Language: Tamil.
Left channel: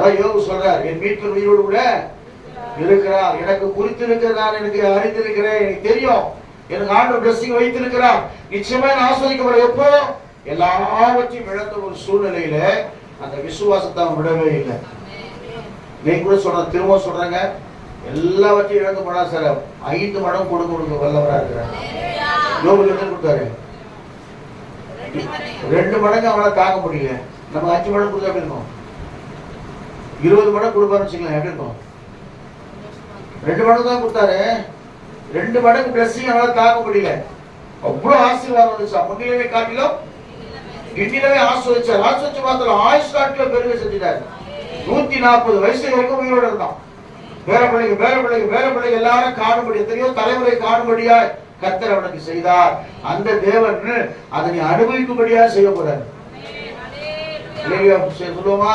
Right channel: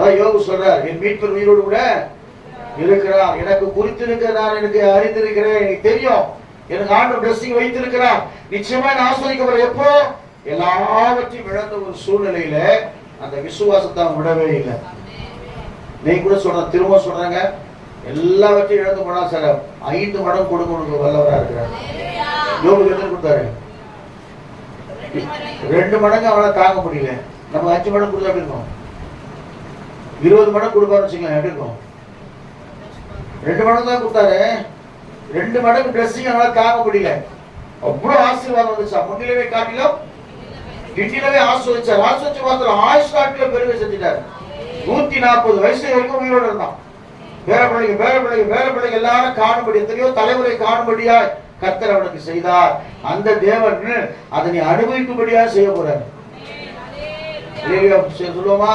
அதான் யோபு சொல்றார், என் மீட்பர் உயிரோடு கூட இருக்கிறார், எனக்கு குறித்திருக்கிறார், எனக்கு அறிந்திருக்கிறேன், எனக்கு தெரியும், எனக்கு ஆண்டவர் பிளஸிங் வைத்திருக்கிறார், நிச்சயமா நான் ஆஸ்வதிக்கப்படுற. எப்போ எல்லாவற்றையும் இழந்த ஒரு சூழ்நிலையில அந்த விசுவாசத்தை அவன் விடவே இல்லை. நீங்க கூட சொல்ற, திரும்ப சொல்றாங்க, எல்லாவற்றையும் இழந்து போனா சார் 5 மடங்கு கொடுக்கணும் வல்லவரா இருக்கிறார். யோபுக்கு என்ன கொடுத்தாரு? 2 மடங்கு அவனால தாங்க முடியல. நம்ம 5 மடங்கு கொடுத்தா எப்படி இருக்கும்? 20 மடங்கு கொடுப்பாருன்னு வச்சுக்கலாம், எப்படி இருக்கும்? 2 மடங்கு தான் கொடுத்தாரு. 2 மடங்கு ட்ரெஸ்ஸிங் அவனால தாங்க முடியல. அவ்வளவு ஆசீர்வாதம் வந்துச்சா, முன்னிலவே காட்டிலும் பின்னிலவே ஆஸ்வதிச்சார். ஆஸ்வதிச்ச மாத்திரம் ஆயுஷ் காட்டில பெருமை செஞ்சிட்டாரு. 140 வயசு வரைக்கும் உயிரோடு இருந்தான். பேர பிள்ளைங்க எல்லாரும் காணும்படி, எத்தனையோ தலைமுறை காணும்படியா கர்த்தர் அவனுக்கு செய்தார். அந்த தேவன் அதை நீ அனுபவிக்கும்படியா செய்ய போறாரு. சொல்லுவோமா?